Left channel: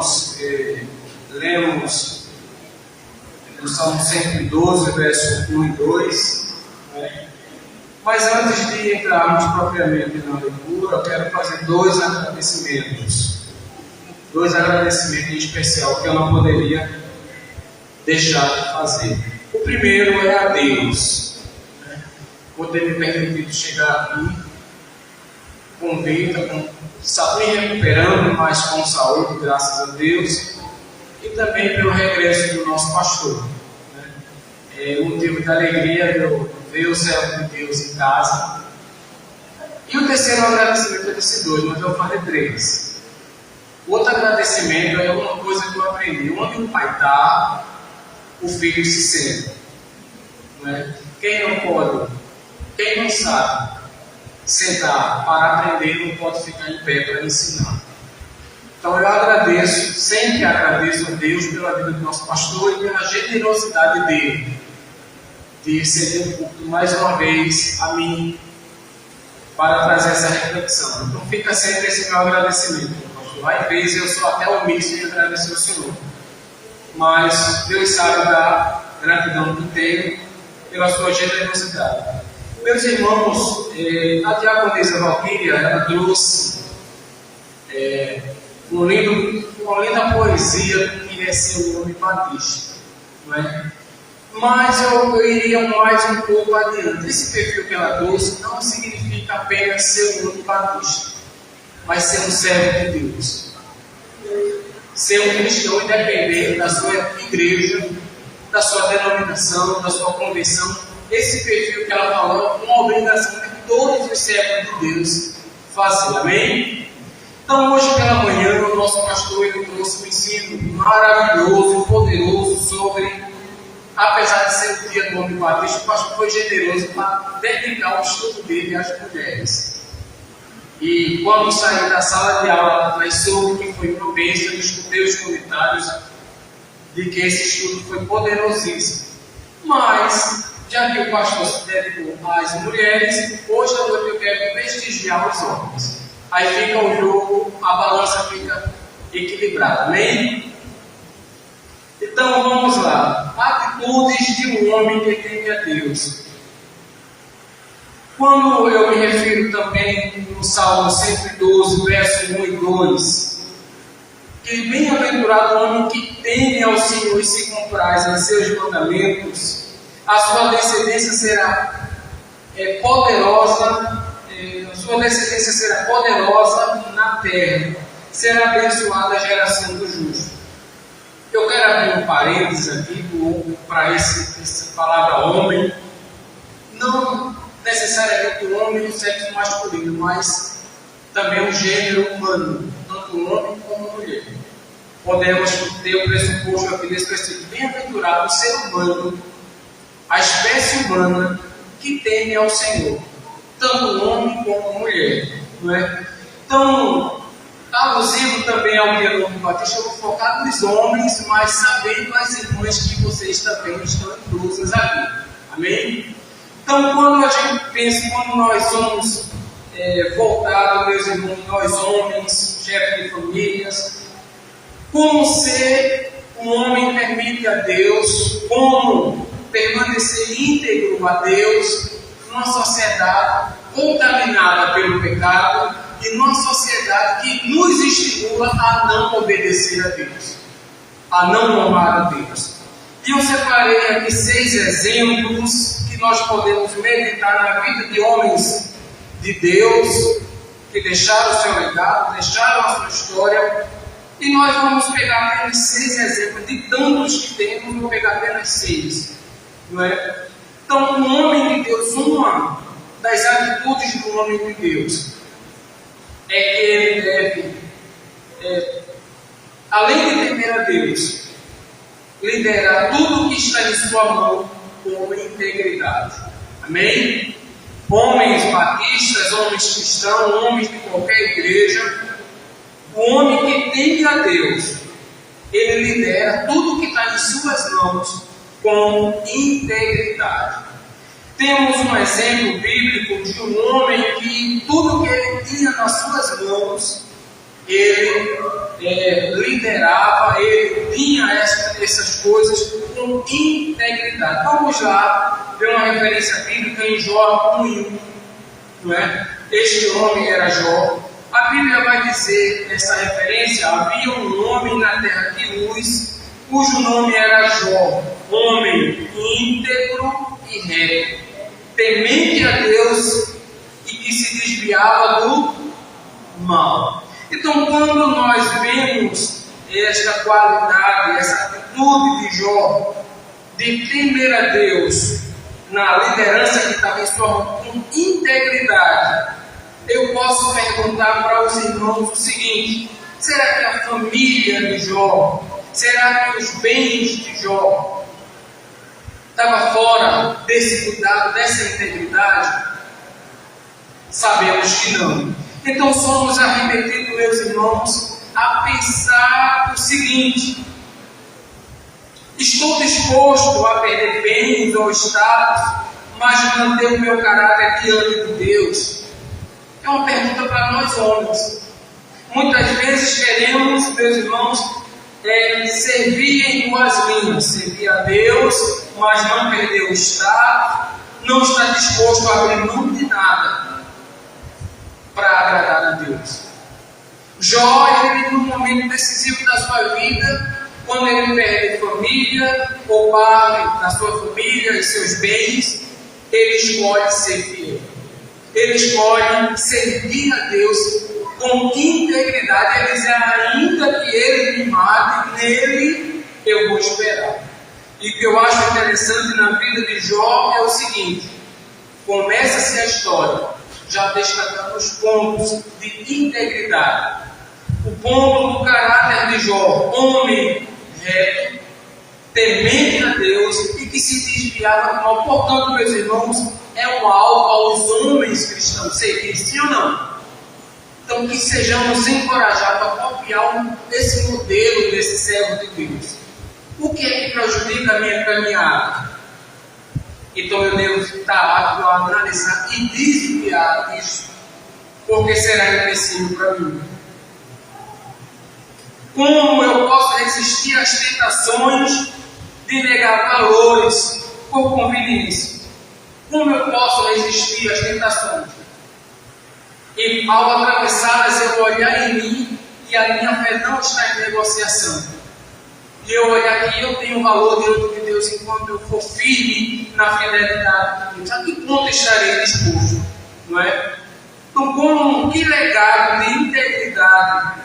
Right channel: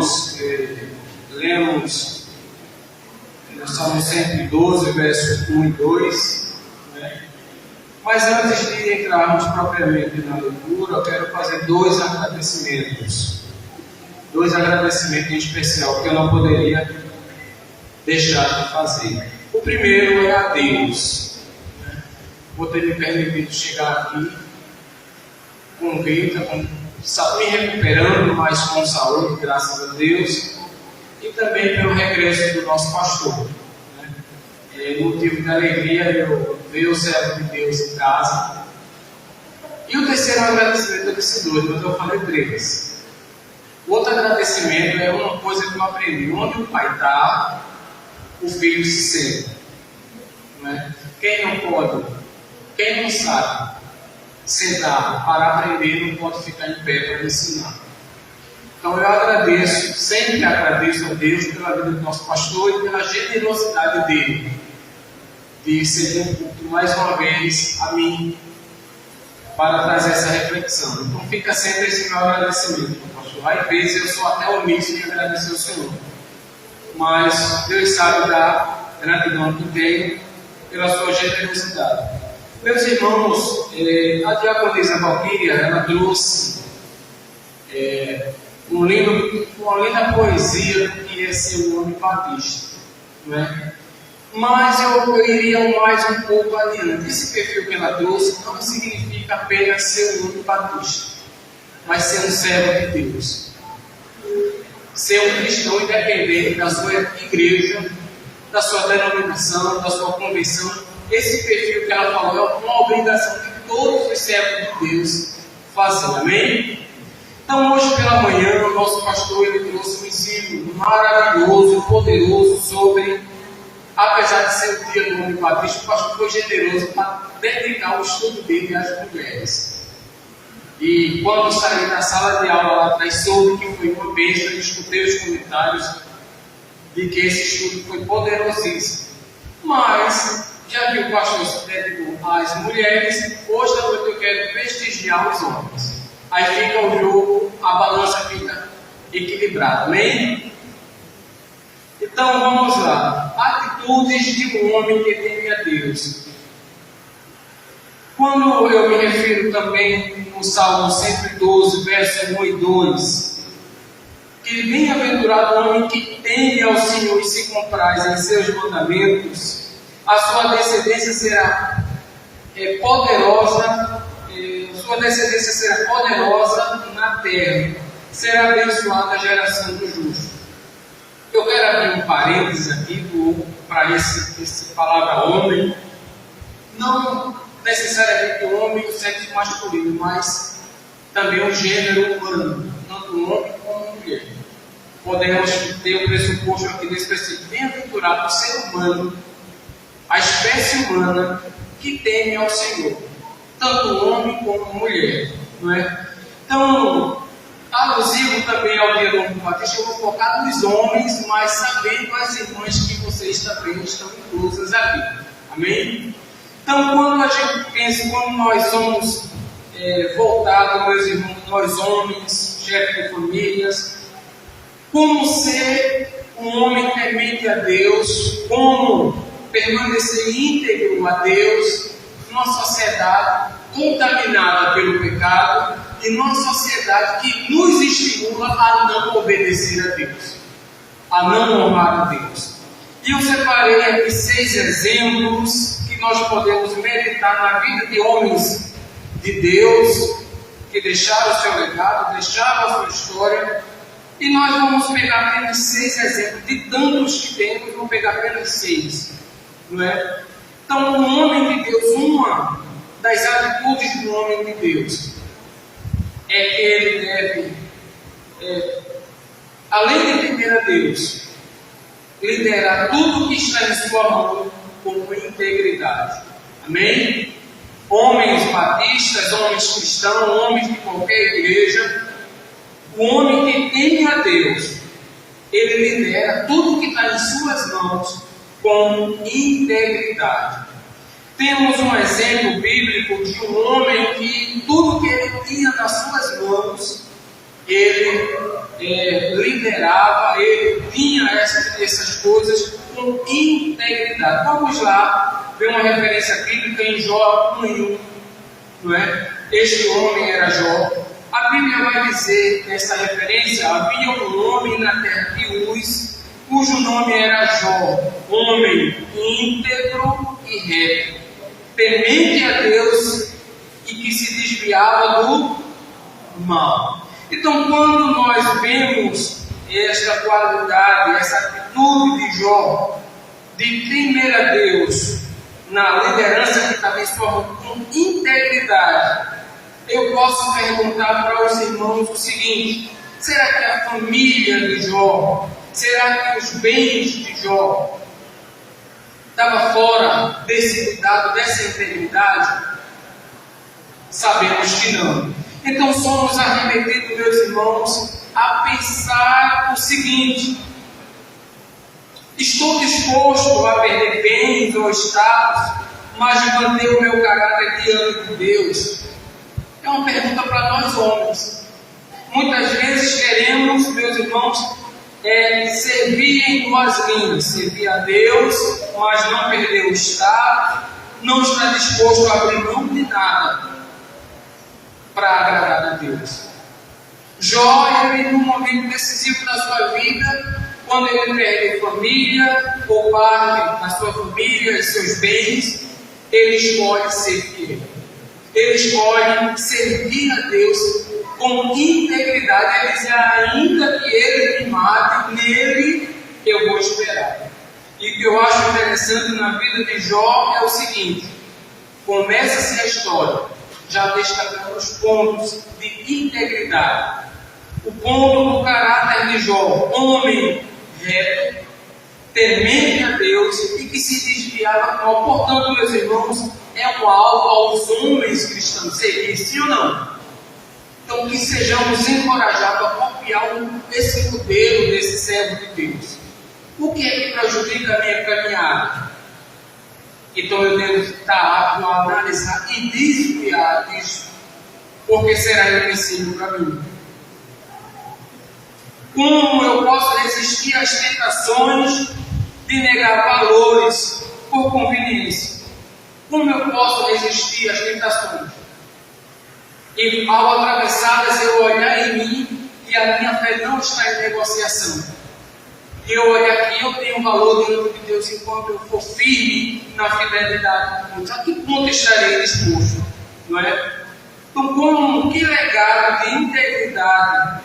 irmãos, lemos no Salmo 112, verso 1 e 2, né? Mas antes de entrarmos propriamente na leitura, eu quero fazer dois agradecimentos em especial que eu não poderia deixar de fazer. O primeiro é a Deus, né? Por ter me permitido chegar aqui com vida, me recuperando, mas com saúde, graças a Deus, e também pelo regresso do nosso pastor, né? É motivo de alegria eu ver o servo de Deus em casa. E o terceiro agradecimento, eu disse dois, mas eu falei três. O outro agradecimento é uma coisa que eu aprendi: onde o pai está, o filho se senta, né? Quem não sabe sentar para aprender, não pode ficar em pé para ensinar. Então eu sempre agradeço a Deus pela vida do nosso pastor e pela generosidade dele de ceder um pouco mais uma vez a mim para trazer essa reflexão. Então fica sempre esse meu agradecimento, pastor. Às vezes eu sou até omisso em agradecer ao Senhor, mas Deus sabe da gratidão que tenho pela sua generosidade. Meus irmãos, a diaconisa Valquíria, ela trouxe uma linda poesia do que é ser um homem batista, não é? Mas eu iria mais um pouco adiante. Esse perfil que ela trouxe não significa apenas ser um homem batista, mas ser um servo de Deus, ser um cristão independente da sua igreja, da sua denominação, da sua convenção. Esse perfil que ela falou é uma obrigação de todos os servos de Deus fazer, amém? Então hoje pela manhã o nosso pastor ele trouxe um ensino maravilhoso, poderoso sobre, apesar de ser o dia do homem batista, o pastor foi generoso para dedicar o estudo dele às mulheres. E quando saí da sala de aula lá atrás, soube que foi uma bênção, eu escutei os comentários de que esse estudo foi poderosíssimo. Mas já que o pastor se dedicou às mulheres, hoje à noite eu quero prestigiar os homens. Aí fica o jogo, a balança fica equilibrada, amém? Então vamos lá. Atitudes de um homem que teme a Deus. Quando eu me refiro também no Salmo 112, verso 1 e 2, que bem-aventurado o homem que teme ao Senhor e se compraz em seus mandamentos, a sua descendência será poderosa, na terra, será abençoada a geração do justo. Eu quero abrir um parênteses aqui para essa palavra homem, não necessariamente o homem do sexo masculino, mas também o gênero humano, tanto o homem como a mulher. Podemos ter o pressuposto aqui desse princípio: bem-aventurado o ser humano, a espécie humana que teme ao Senhor, tanto o homem como a mulher, não é? Então, alusivo também ao dia do homem batista, eu vou focar nos homens, mas sabendo as irmãs que vocês também estão inclusas aqui, amém? Então, quando a gente pensa, quando nós somos voltados, meus irmãos, nós homens, chefes de famílias, como ser um homem temente a Deus, como permanecer íntegro a Deus numa sociedade contaminada pelo pecado e numa sociedade que nos estimula a não obedecer a Deus, a não honrar a Deus. E eu separei aqui 6 exemplos que nós podemos meditar na vida de homens de Deus que deixaram o seu legado, deixaram a sua história, e nós vamos pegar apenas 6 exemplos de tantos que temos, vou pegar apenas 6. Não é? Então, um homem de Deus, uma das atitudes do homem de Deus é que ele deve, além de temer a Deus, liderar tudo que está em sua mão com integridade. Amém? Homens batistas, homens cristãos, homens de qualquer igreja, o homem que teme a Deus, ele lidera tudo que está em suas mãos com integridade. Temos um exemplo bíblico de um homem que tudo que ele tinha nas suas mãos, ele liderava, ele tinha essas coisas com integridade. Vamos lá ver uma referência bíblica em Jó 1:1, não é? Este homem era Jó. A Bíblia vai dizer nessa referência: havia um homem na terra de Uz, cujo nome era Jó, homem íntegro e reto, temente a Deus e que se desviava do mal. Então, quando nós vemos esta qualidade, essa atitude de Jó, de temer a Deus, na liderança que estava em sua mão, com integridade, eu posso perguntar para os irmãos o seguinte: será que a família de Jó, será que os bens de Jó estavam fora desse cuidado, dessa integridade? Sabemos que não. Então somos arremetidos, meus irmãos, a pensar o seguinte: estou disposto a perder bens ou status, mas manter o meu caráter diante de Deus? É uma pergunta para nós homens. Muitas vezes queremos, meus irmãos, servir em duas linhas: servir a Deus, mas não perder o status, não estar disposto a abrir mão de nada para agradar a Deus. Jó, ele, num momento decisivo da sua vida, quando ele perde família ou parte da sua família e seus bens, ele escolhe ser fiel. Ele escolhe servir a Deus com integridade. Ele diz: ainda que ele me mate, nele eu vou esperar. E o que eu acho interessante na vida de Jó é o seguinte: começa-se a história já destacando os pontos de integridade. O ponto do caráter de Jó: homem reto, temente a Deus e que se desviava do mal. Portanto, meus irmãos, é um alvo aos homens cristãos seguir, sim ou não? Então, que sejamos encorajados a copiar esse modelo desse servo de Deus. O que é que prejudica a minha caminhada? Então eu devo estar apto a analisar e desviar disso, porque será empecilho para mim. Como eu posso resistir às tentações de negar valores por conveniência? Como eu posso resistir às tentações? E ao atravessá-las, eu olhar em mim e a minha fé não está em negociação. E eu olhar que eu tenho valor diante de Deus enquanto eu for firme na fidelidade de Deus. A que ponto estarei disposto? Não é? Então, que legado de integridade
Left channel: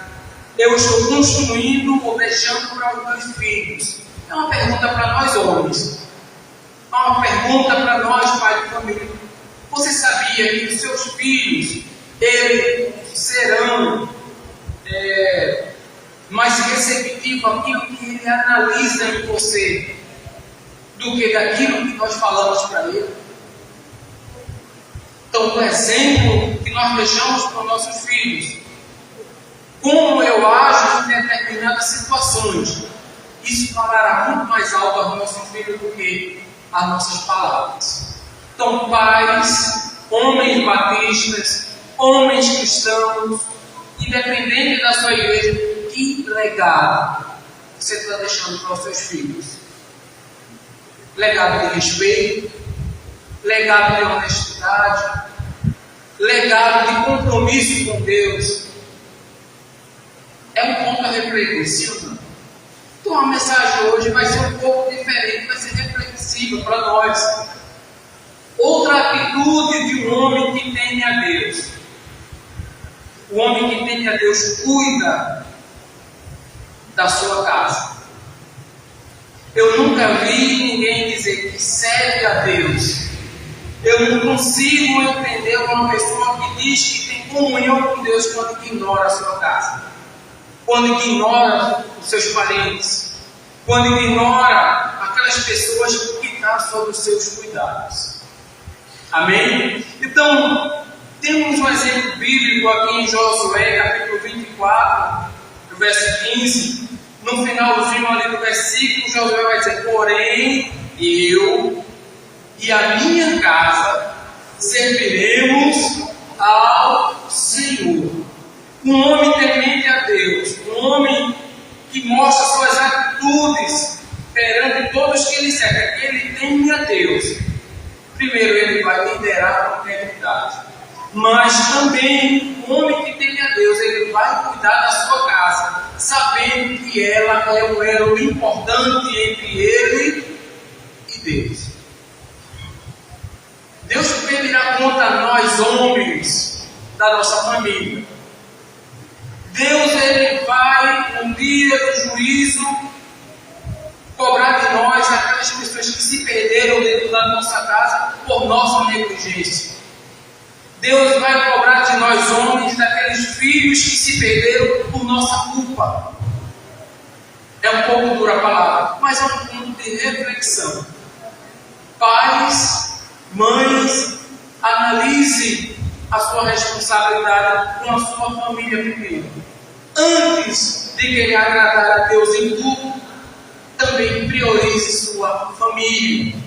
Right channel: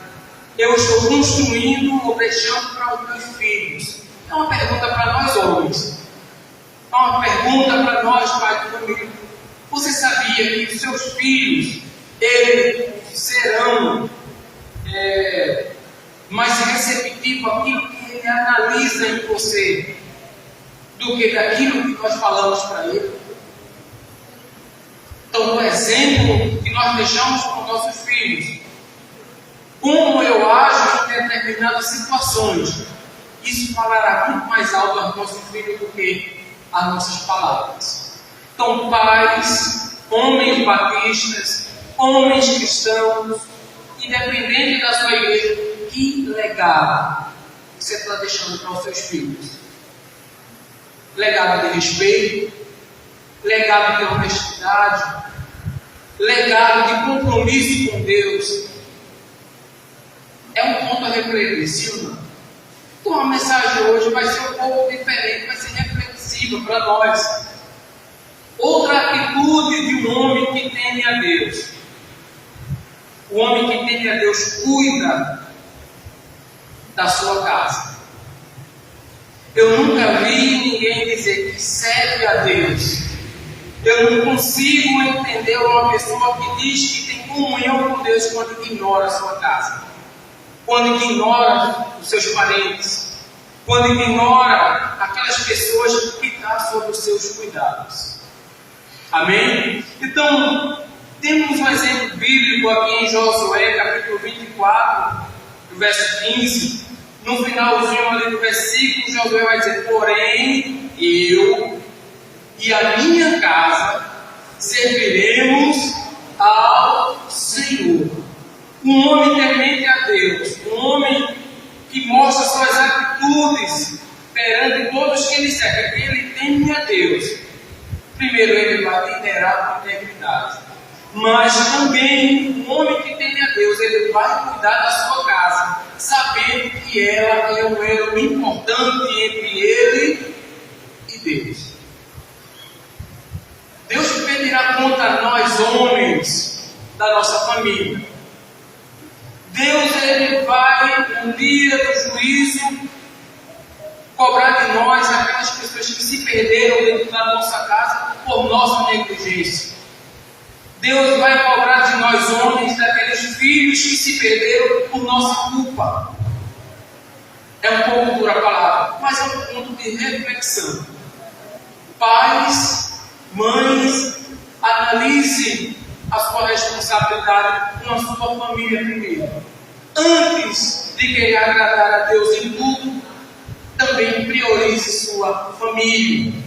eu estou construindo ou deixando para os meus filhos? É uma pergunta para nós homens. É uma pergunta para nós, pai de família. Você sabia que os seus filhos, eles serão mais receptivos àquilo que ele analisa em você do que daquilo que nós falamos para ele? Então, o exemplo que nós deixamos para os nossos filhos, como eu ajo em determinadas situações, isso falará muito mais alto aos nossos filhos do que as nossas palavras. Então, pais, homens batistas, homens cristãos, independente da sua igreja, que legado você está deixando para os seus filhos? Legado de respeito, legado de honestidade, legado de compromisso com Deus. É um ponto a refletir, sim ou não? Então a mensagem hoje vai ser um pouco diferente, vai ser reflexiva para nós. Outra atitude de um homem que teme a Deus. O homem que teme a Deus cuida da sua casa. Eu nunca vi ninguém dizer que serve a Deus. Eu não consigo entender uma pessoa que diz que tem comunhão com Deus quando ignora a sua casa, quando ignora os seus parentes, quando ignora aquelas pessoas que estão sob os seus cuidados. Amém? Então, temos um exemplo bíblico aqui em Josué, capítulo 24, do verso 15. No finalzinho ali do versículo, Josué vai dizer: porém, eu e a minha casa serviremos ao Senhor. Um homem temente a Deus, Um homem que mostra suas atitudes perante todos que ele serve. Ele teme a Deus. Primeiro, ele vai liderar com integridade. Mas também, o homem que teme a Deus, ele vai cuidar da sua casa, sabendo que ela é um elo importante entre ele e Deus. Deus pedirá conta a nós, homens, da nossa família. Deus, ele vai, um dia do juízo, cobrar de nós aquelas pessoas que se perderam dentro da nossa casa por nossa negligência. Deus vai cobrar de nós, homens, daqueles filhos que se perderam por nossa culpa. É um pouco dura a palavra, mas é um ponto de reflexão. Pais, mães, analise a sua responsabilidade com a sua família primeiro. Antes de querer agradar a Deus em tudo, também priorize sua família.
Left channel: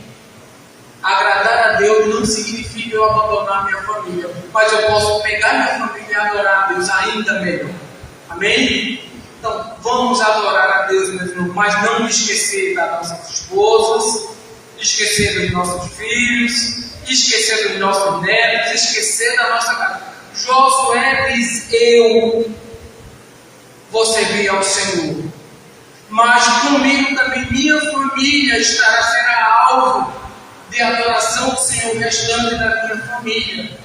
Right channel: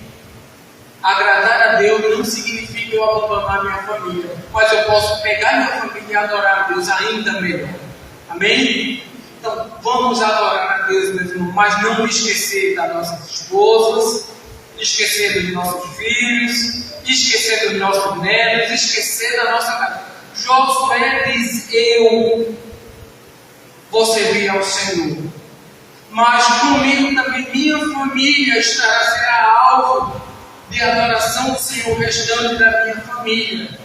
Agradar a Deus não significa eu abandonar minha família, mas eu posso pegar minha família e adorar a Deus ainda melhor. Amém? Então, vamos adorar a Deus, meus irmãos, mas não esquecer das nossas esposas, esquecer dos nossos filhos, esquecer dos nossos netos, esquecer da nossa casa. Josué diz: eu vou servir ao Senhor, mas comigo também minha família será alvo de adoração do Senhor, restante da minha família.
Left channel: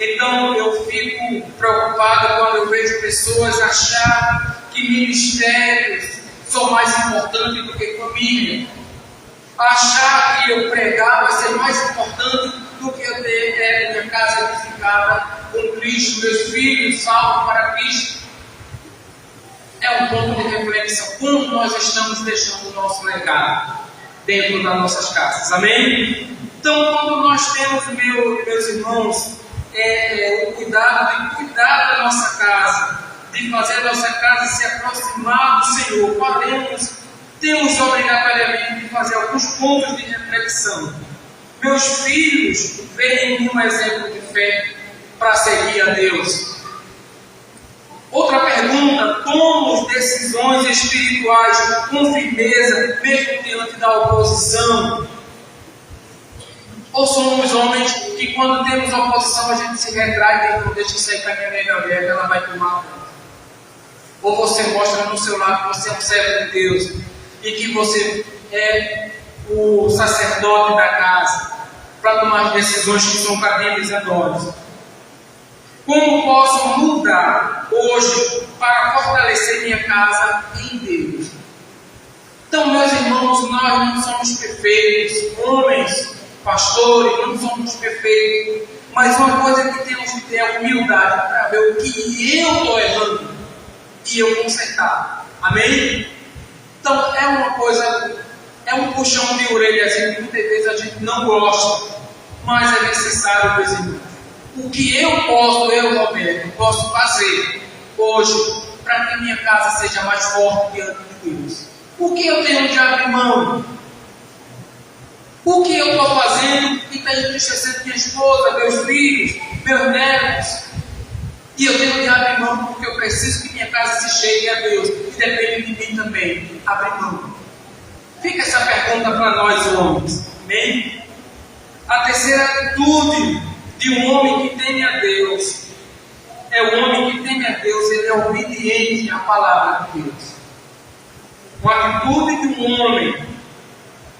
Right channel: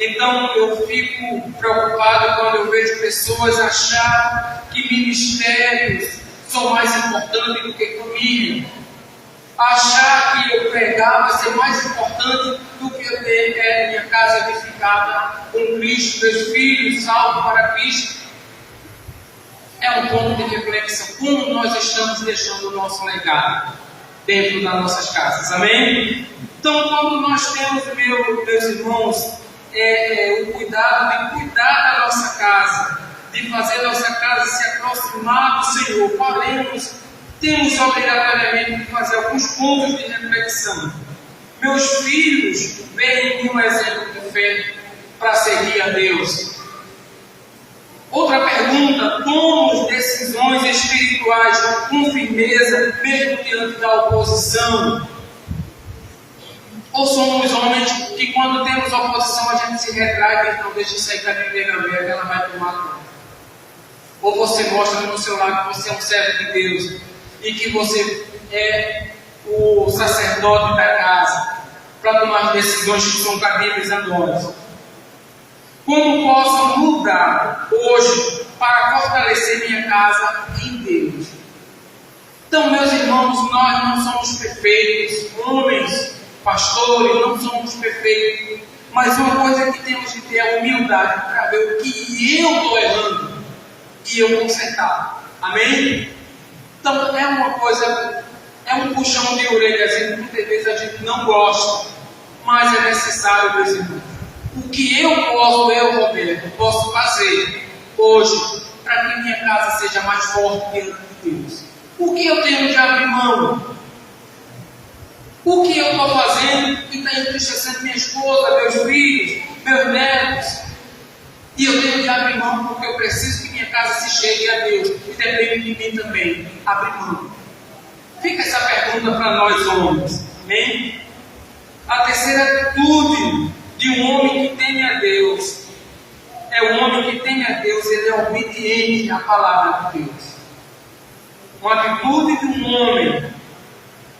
Então eu fico preocupado quando eu vejo pessoas achar que ministérios são mais importantes do que família. Achar que eu pregar vai ser mais importante do que eu ter minha casa edificada com Cristo, meus filhos salvos para Cristo. É um ponto de reflexão. Como nós estamos deixando o nosso legado dentro das nossas casas. Amém? Então, quando nós temos, meus irmãos, o cuidado de cuidar da nossa casa, de fazer a nossa casa se aproximar do Senhor, temos obrigatoriamente de fazer alguns pontos de reflexão. Meus filhos veem em mim um exemplo de fé para seguir a Deus. Outra pergunta: tomamos decisões espirituais com firmeza, mesmo diante da oposição? Ou somos homens que, quando temos oposição, a gente se retrai e diz: não, deixa isso aí com a minha nega velha, ela vai tomar conta. Ou você mostra no seu lado que você é um servo de Deus e que você é o sacerdote da casa para tomar decisões que são cabíveis a nós? Como posso mudar hoje para fortalecer minha casa em Deus? Então, meus irmãos, nós não somos perfeitos, homens, pastores, não somos perfeitos, mas uma coisa que temos que ter é humildade para ver o que eu estou errando e eu consertar. Amém? Então, é uma coisa, é um puxão de orelha, assim, muitas vezes a gente não gosta, mas é necessário, meus irmãos. O que eu, Roberto, posso fazer hoje para que minha casa seja mais forte diante de Deus? O que eu tenho de abrir mão? O que eu estou fazendo que está entristecendo minha esposa, meus filhos, meus netos? E eu tenho de abrir mão porque eu preciso que minha casa se chegue a Deus. E depende de mim também abrir mão. Fica essa pergunta para nós homens. Amém? A terceira atitude de um homem que teme a Deus é o homem que teme a Deus, ele é obediente à palavra de Deus. Uma atitude de um homem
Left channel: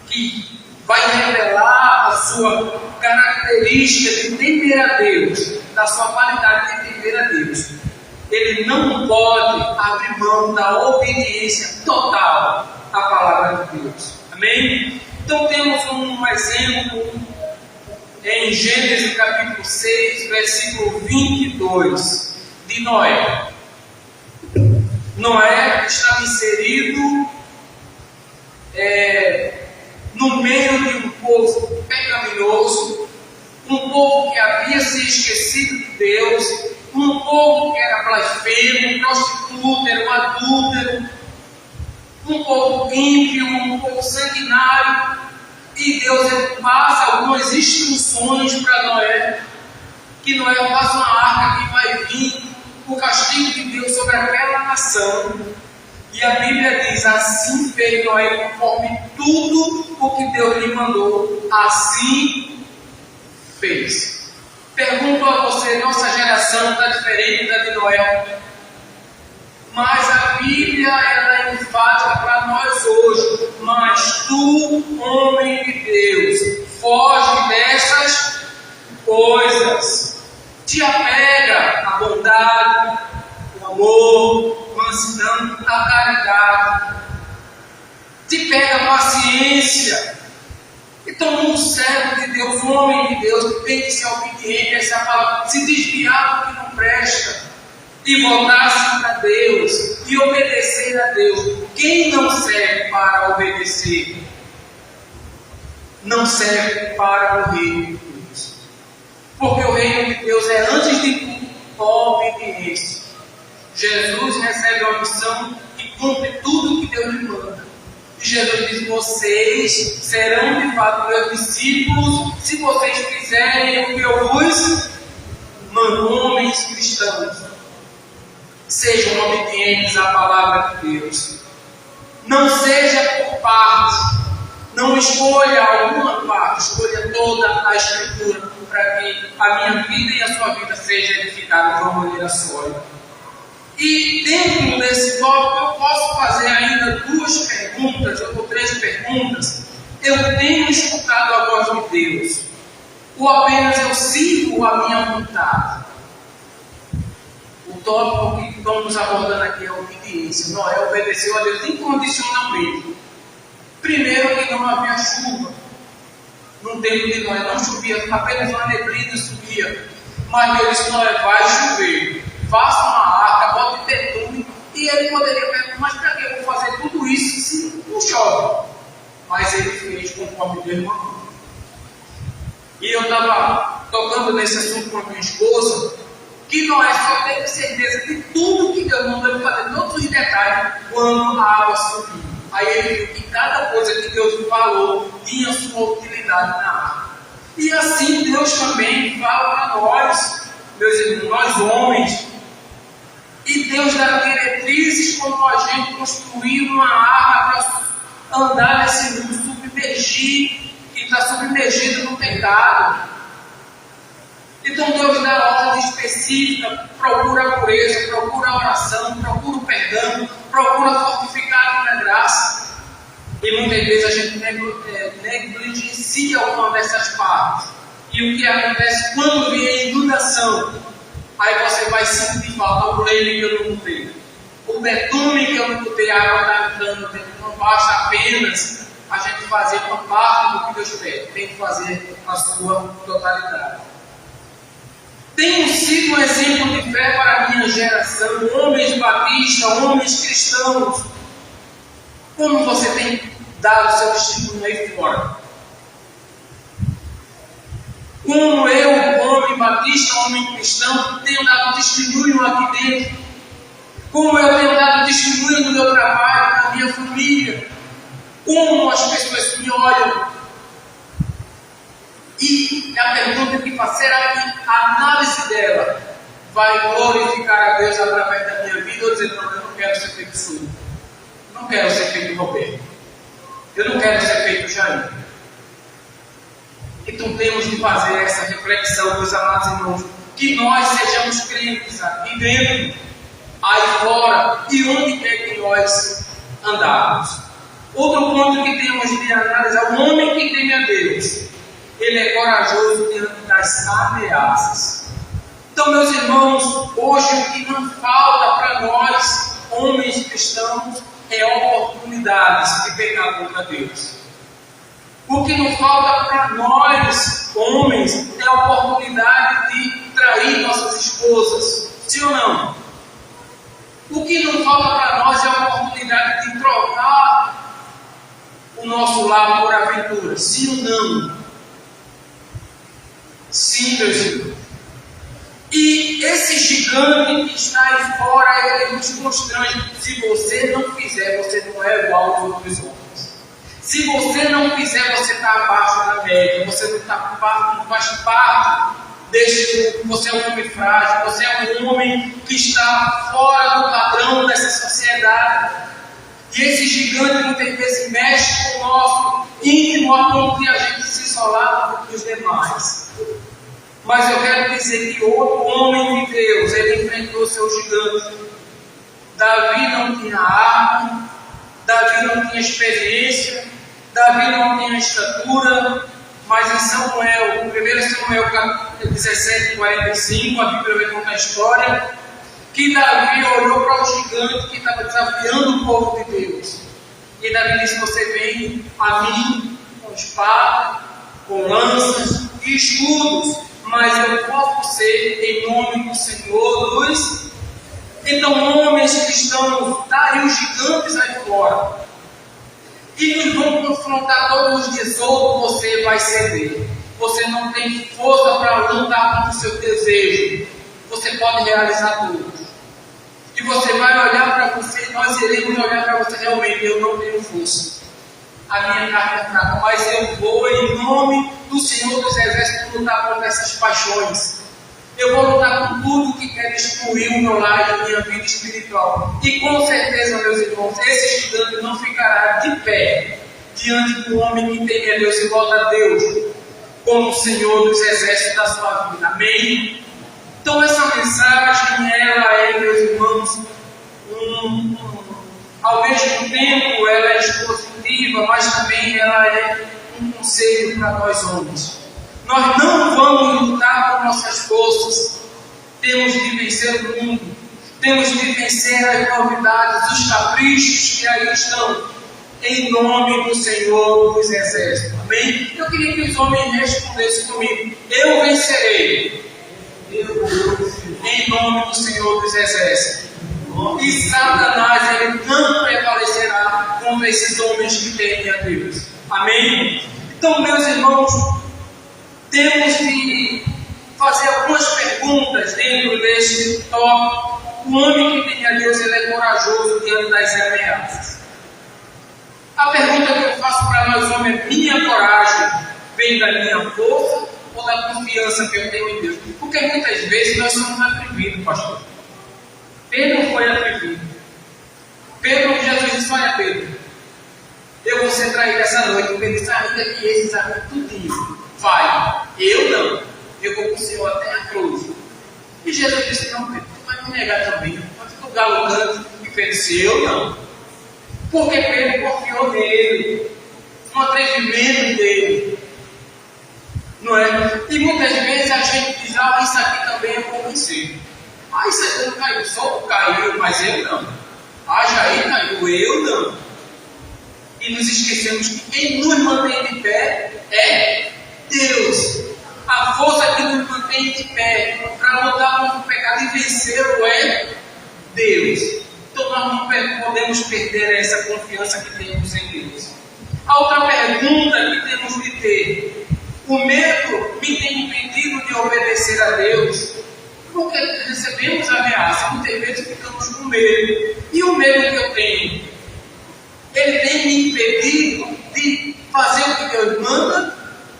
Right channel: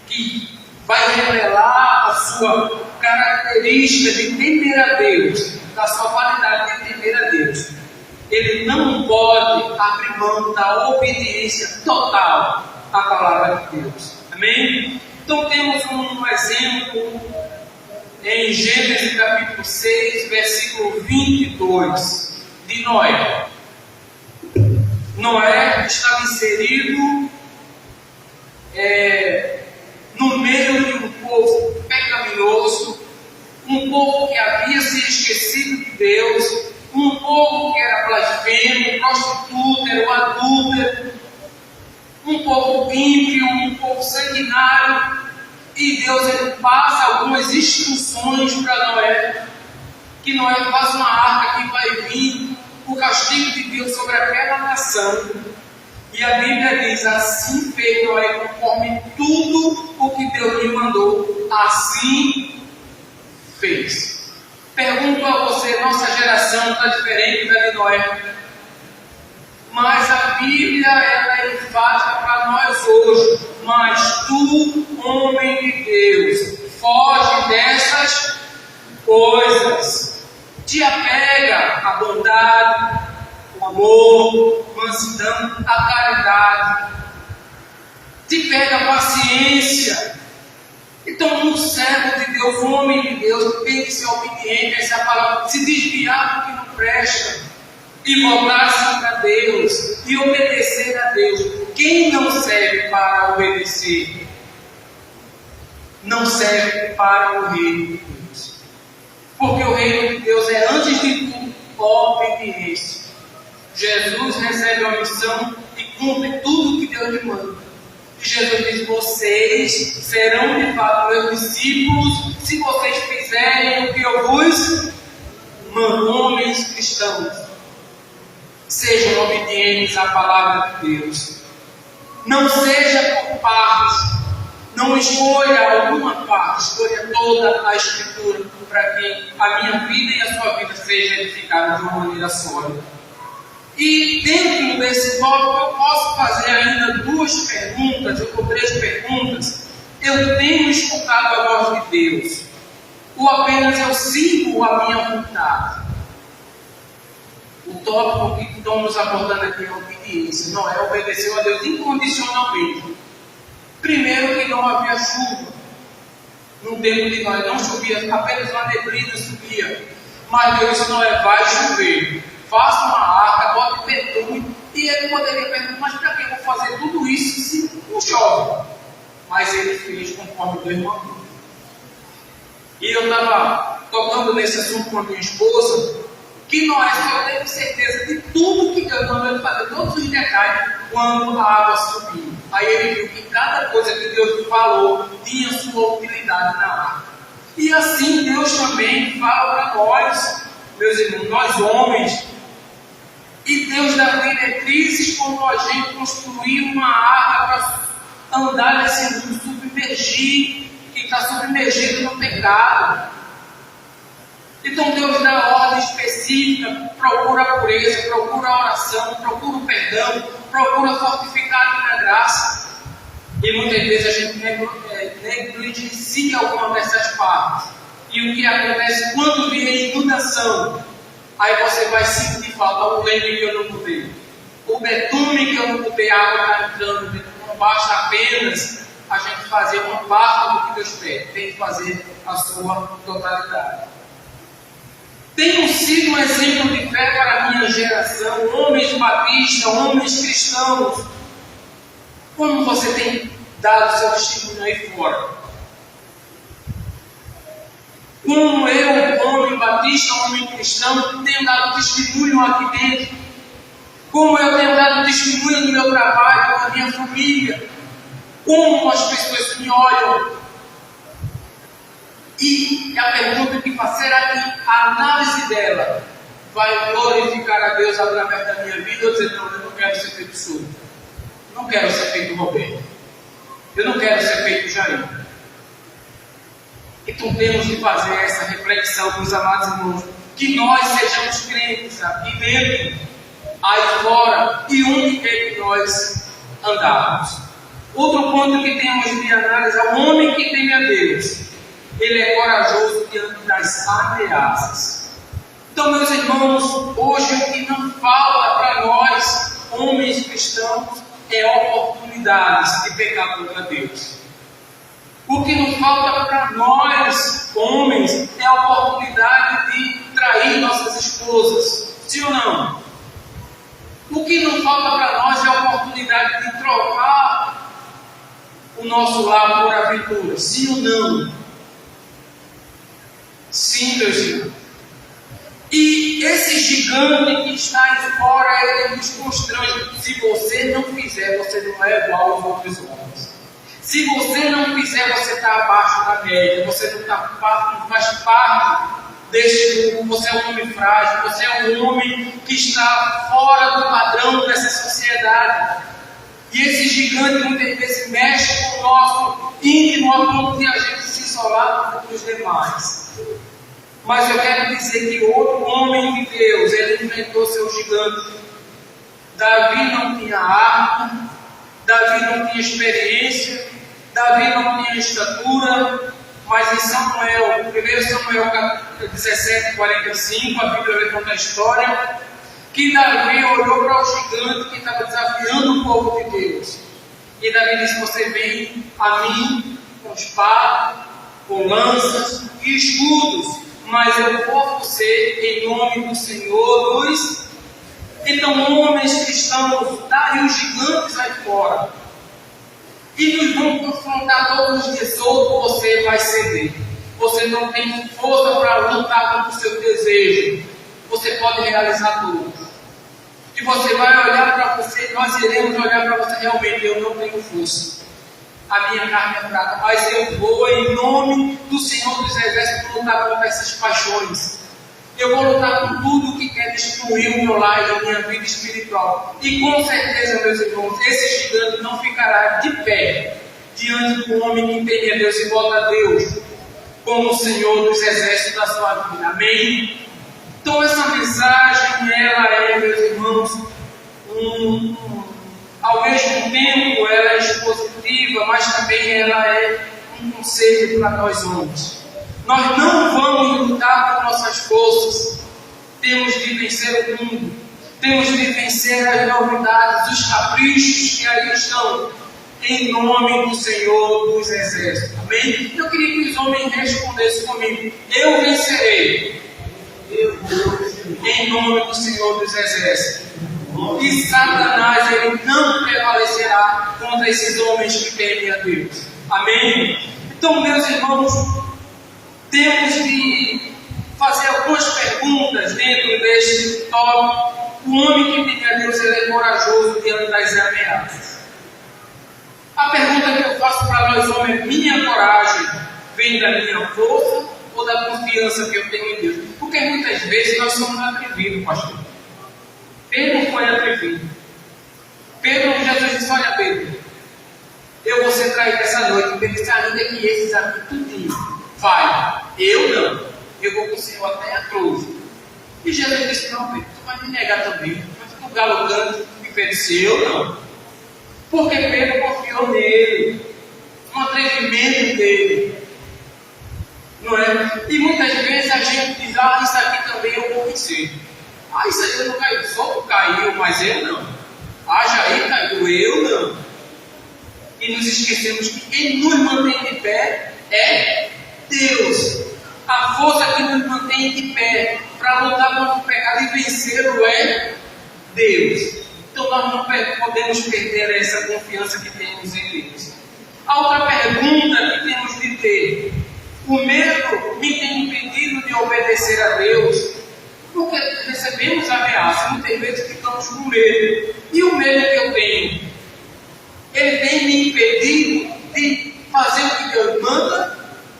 que vai revelar a sua característica de temer a Deus, da sua qualidade de temer a Deus. Ele não pode abrir mão da obediência total à palavra de Deus. Amém? Então temos um exemplo em Gênesis capítulo 6, versículo 22, de Noé. Noé estava inserido no meio de um povo pecaminoso, um povo que havia se esquecido de Deus, um povo que era blasfemo, prostituta, era um adúltero, um povo ímpio, um povo sanguinário. E Deus ele passa algumas instruções para Noé, que Noé faz uma arca que vai vir o castigo de Deus sobre aquela nação. E a Bíblia diz: assim fez Noé conforme tudo o que Deus lhe mandou, assim fez. Pergunto a você, nossa geração está diferente da de Noé? Mas a Bíblia ela é enfática para nós hoje. Mas tu, homem de Deus, foge dessas coisas. Te apega à bondade, ao amor, à mansidão, à caridade. Te pega a paciência. Então, um servo de Deus, um homem de Deus, tem que ser obediente a essa palavra, se desviar do que não presta e voltar-se para Deus e obedecer a Deus. Quem não serve para obedecer, não serve para o reino de Deus. Porque o reino de Deus é, antes de tudo, obediência. Jesus recebe a missão e cumpre tudo o que Deus lhe manda. E Jesus diz: vocês serão de fato meus discípulos se vocês fizerem o que eu vos mando. Homens cristãos, sejam obedientes à palavra de Deus. Não seja por partes. Não escolha alguma parte, escolha toda a Escritura para que a minha vida e a sua vida sejam edificadas de uma maneira sólida. E dentro desse tópico eu posso fazer ainda duas perguntas, ou três perguntas. Eu tenho escutado a voz de Deus? Ou apenas eu sigo a minha vontade? O tópico que estamos abordando aqui é a obediência. Noé obedeceu a Deus incondicionalmente. Primeiro, que não havia chuva. No tempo de Noé não chovia, apenas uma neblina subia. Mas Deus disse: Noé, vai chover. Faça uma arca, bote betume. E ele poderia perguntar: mas para que eu vou fazer tudo isso se não chove? Mas ele fez conforme Deus mandou. E eu estava tocando nesse assunto com a minha esposa, que Noé só teve certeza de tudo que Deus mandou ele fazer, todos os detalhes, quando a água subiu. Aí ele viu que cada coisa que Deus lhe falou tinha sua utilidade na arca. E assim Deus também fala para nós, meus irmãos, nós homens. E Deus dá diretrizes como a gente construir uma arca para andar nesse mundo, submergir, que está submergido no pecado. Então Deus dá ordem específica, procura a pureza, procura a oração, procura o perdão, procura fortificar na graça. E muitas vezes a gente negligencia alguma dessas partes. E o que acontece quando vier inundação? Aí você vai sentir falta: o leme que eu não botei, o betume que eu não botei, a água está entrando dentro. Não basta apenas a gente fazer uma parte do que Deus pede, tem que fazer a sua totalidade. Tenho sido um exemplo de fé para a minha geração, homens batistas, homens cristãos. Como você tem dado seu testemunho aí fora? Como eu, homem batista, homem cristão, tenho dado testemunho aqui dentro? Como eu tenho dado testemunho no meu trabalho, na minha família? Como as pessoas me olham? E a pergunta que faço: será que a análise dela vai glorificar a Deus através da minha vida? Ou dizer: não, eu não quero ser feito Sul, não quero ser feito Roberto, eu não quero ser feito Jair. Então temos que fazer essa reflexão, meus amados irmãos, que nós sejamos crentes aqui dentro, aí fora e onde quer que nós andarmos. Outro ponto que temos de analisar: o homem que teme a Deus, ele é corajoso diante das ameaças. Então, meus irmãos, hoje o que não falta para nós, homens cristãos, é oportunidades de pecar contra Deus. O que não falta para nós, homens, é a oportunidade de trair nossas esposas. Sim ou não? O que não falta para nós é a oportunidade de trocar o nosso lar por aventura. Sim ou não? Sim, meus irmãos. E esse gigante que está aí fora, ele nos constrange. Se você não fizer, você não é igual aos outros homens. Se você não fizer, você está abaixo da média. Você não faz parte deste mundo, você é um homem frágil, você é um homem que está fora do padrão dessa sociedade. E esse gigante muitas vezes mexe com o nosso íntimo a ponto de a gente se isolar dos demais. Mas eu quero dizer que outro homem de Deus, ele enfrentou seu gigante. Davi não tinha arma, Davi não tinha experiência, Davi não tinha estatura, mas em Samuel, 1 Samuel 17:45, a Bíblia vai contar a história, que Davi olhou para o gigante que estava desafiando o povo de Deus. E Davi disse: você vem a mim com espada, com lanças e escudos, mas eu vou a você em nome do Senhor dos... Então, homens cristãos, está aí os gigantes aí fora, e nos vão confrontar todos os dias. Ou você vai ceder. Você não tem força para lutar contra o seu desejo. Você pode realizar tudo. E você vai olhar para você, nós iremos olhar para você, realmente, eu não tenho força. A minha carne é fraca, mas eu vou em nome do Senhor dos Exércitos lutar contra essas paixões. Eu vou lutar com tudo que quer destruir o meu lar e a minha vida espiritual. E com certeza, meus irmãos, esse gigante não ficará de pé diante do homem que teme a Deus e volta a Deus como o Senhor dos Exércitos da sua vida. Amém? Então essa mensagem, ela é, meus irmãos, ao mesmo tempo ela é expositiva, mas também ela é um conselho para nós homens. Nós não vamos lutar com nossas forças. Temos de vencer o mundo. Temos de vencer as novidades, os caprichos que aí estão. Em nome do Senhor dos Exércitos. Amém? Eu queria que os homens respondessem comigo. Eu vencerei. Em nome do Senhor dos Exércitos. E Satanás, ele não prevalecerá contra esses homens que temem a Deus. Amém? Então, meus irmãos, temos de fazer algumas perguntas dentro deste tópico. O homem que tem a Deus, ele é corajoso diante das ameaças. A pergunta que eu faço para nós homens é: minha coragem vem da minha força ou da confiança que eu tenho em Deus? Porque muitas vezes nós somos atrevidos, pastor. Pedro foi atrevido. Jesus disse: olha, Pedro, eu vou ser traído essa noite. Pedro disse: ainda que esses aqui tudinho. Vai, eu não, eu vou com o Senhor até a cruz. E Jesus disse: não, Pedro, tu vai me negar também. Vai ficar o galo cante. E Pedro disse: eu não. Porque Pedro confiou nele, no atrevimento dele, não é? E muitas vezes a gente diz: ah, isso aqui também eu vou vencer. Ah, isso aí não caiu, só caiu, mas eu não. Ah, Jair caiu, eu não. E nos esquecemos que quem nos mantém de pé é Deus. A força que nos mantém de pé para lutar contra o pecado e vencê-lo é Deus. Então nós não podemos perder essa confiança que temos em Deus. A outra pergunta que temos de ter: o medo me tem impedido de obedecer a Deus? Porque recebemos ameaça, muitas vezes ficamos com medo. E o medo que eu tenho, ele tem me impedido de fazer o que Deus manda?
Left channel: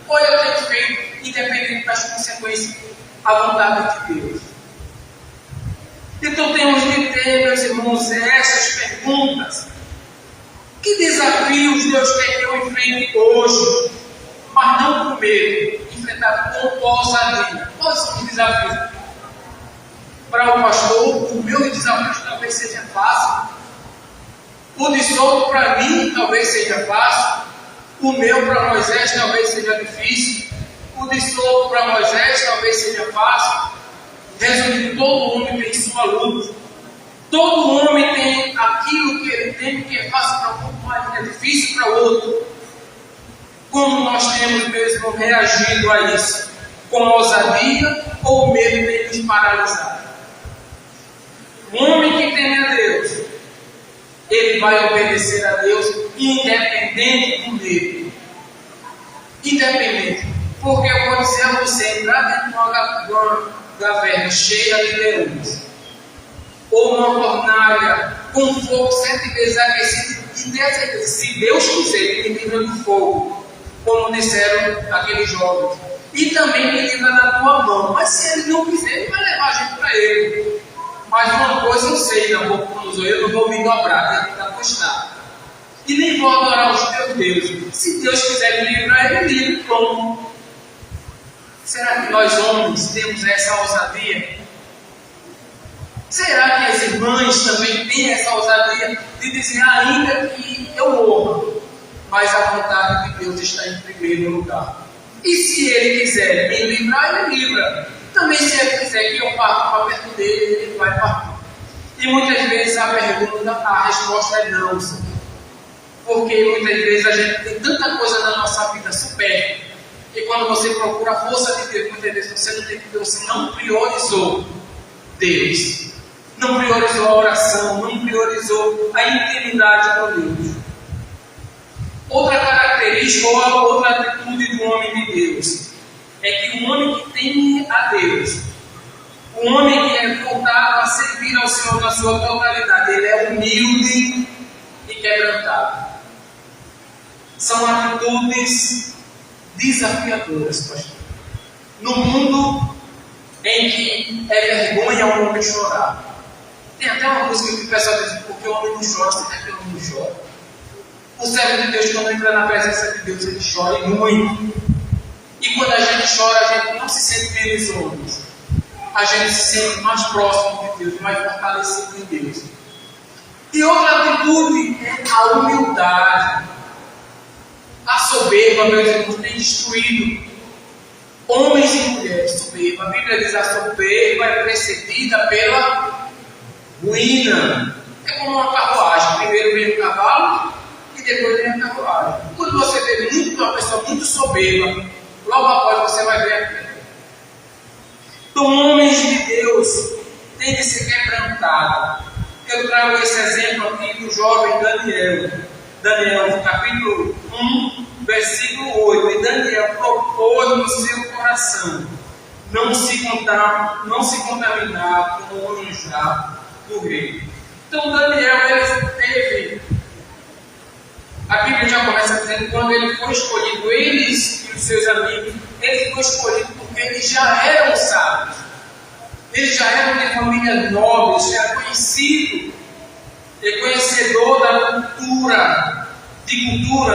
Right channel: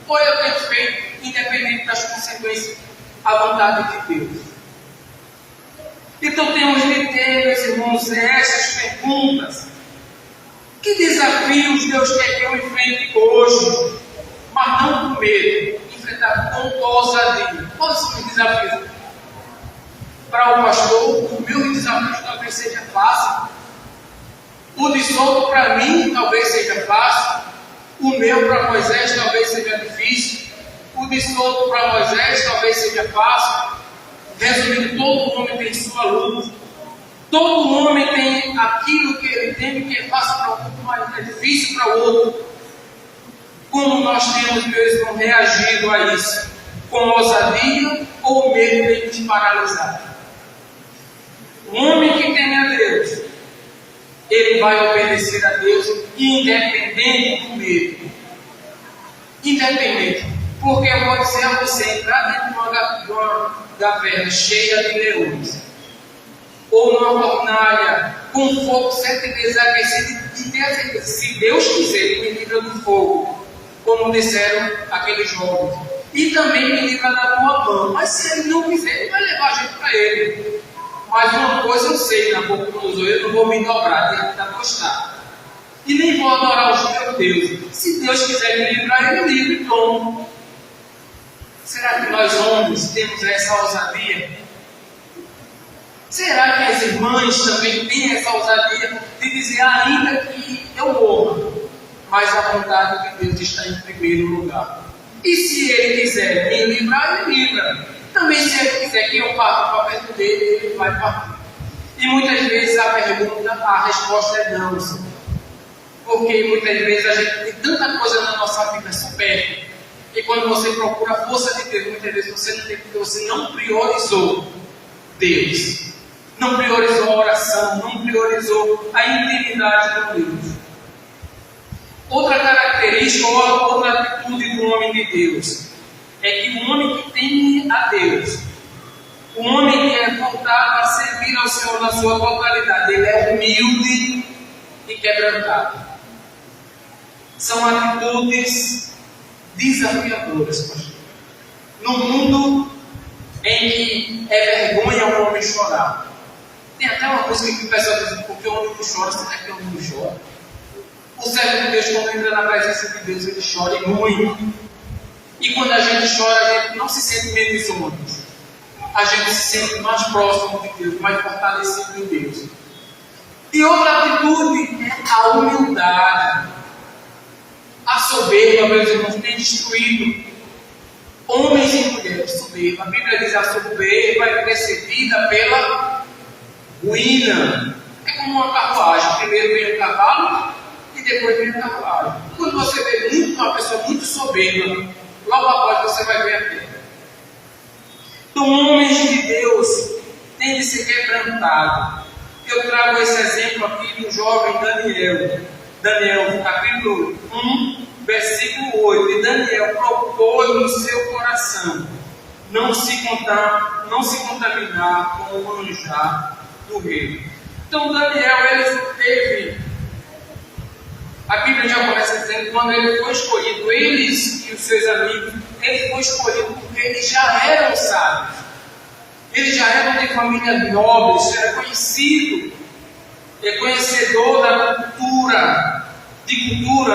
Ou eu tenho feito, independente das consequências, a vontade de Deus? Então temos de ter, meus irmãos, essas perguntas. Que desafios Deus quer que eu enfrente hoje? Mas não com medo, enfrentar com ousadia. Quais são os desafios? Para o pastor, o meu desafio talvez seja fácil. O de Souto para mim talvez seja fácil. O meu para Moisés talvez seja difícil. O de Souto para Moisés talvez seja fácil. Resumindo, todo homem tem sua luta. Todo homem tem aquilo que ele tem, que é fácil para um, mas é difícil para o outro. Como nós temos, meus irmãos, reagido a isso? Com ousadia ou medo de nos paralisar? Um homem que teme a Deus, ele vai obedecer a Deus independente do medo. Independente. Porque eu vou dizer a você: entrar dentro de uma caverna cheia de leões, ou uma fornalha com fogo sempre desaquecido, e ter a certeza, se Deus quiser, ele me livra do fogo, como disseram aqueles jovens. e também me livra da tua mão. Mas se ele não quiser, ele vai levar a gente para ele. Mas uma coisa eu sei, Nabucodonosor, eu não vou me dobrar dentro da tua estátua. E nem vou adorar os teus deuses. Se Deus quiser me livrar, ele me livre, pronto. Será que nós homens temos essa ousadia? Será que as irmãs também têm essa ousadia de dizer, ainda que eu morra, mas a vontade de Deus está em primeiro lugar? E se Ele quiser me livrar, Ele livra. Também se Ele quiser que eu parta para perto dele, Ele vai partir. E muitas vezes a resposta é não, Senhor. Porque muitas vezes a gente tem tanta coisa na nossa vida supérflua. E quando você procura a força de Deus, muitas vezes você não priorizou Deus. Não priorizou a oração, não priorizou a intimidade com Deus. Outra característica ou outra atitude do homem de Deus é que o homem que teme a Deus, o homem que é voltado a servir ao Senhor na sua totalidade, ele é humilde e quebrantado. São atitudes desafiadoras, pastor. No mundo em que é vergonha um homem chorar. Tem até uma coisa que o pessoal diz, porque o homem não chora, será que o homem não chora? O servo de Deus, quando entra na presença de Deus, ele chora muito. E quando a gente chora, a gente não se sente menos homens. A gente se sente mais próximo de Deus, mais fortalecido em Deus. E outra atitude é a humildade. A soberba, meus irmãos, tem destruído homens e mulheres. Soberba. A Bíblia diz: a soberba é precedida pela ruína. É como uma carruagem. Primeiro vem o cavalo e depois vem a carruagem. Quando você vê uma pessoa muito soberba, logo após você vai ver a queda. Então, homens de Deus têm de ser quebrantados. Eu trago esse exemplo aqui do jovem Daniel. Daniel, capítulo 1, versículo 8. E Daniel propôs no seu coração não se contaminar com o manjar do rei. Então Daniel, ele teve, a Bíblia já começa dizendo, quando ele foi escolhido, eles e os seus amigos, ele foi escolhido porque eles já eram sábios, eles já eram de família nobre, já era conhecido, conhecedor da cultura,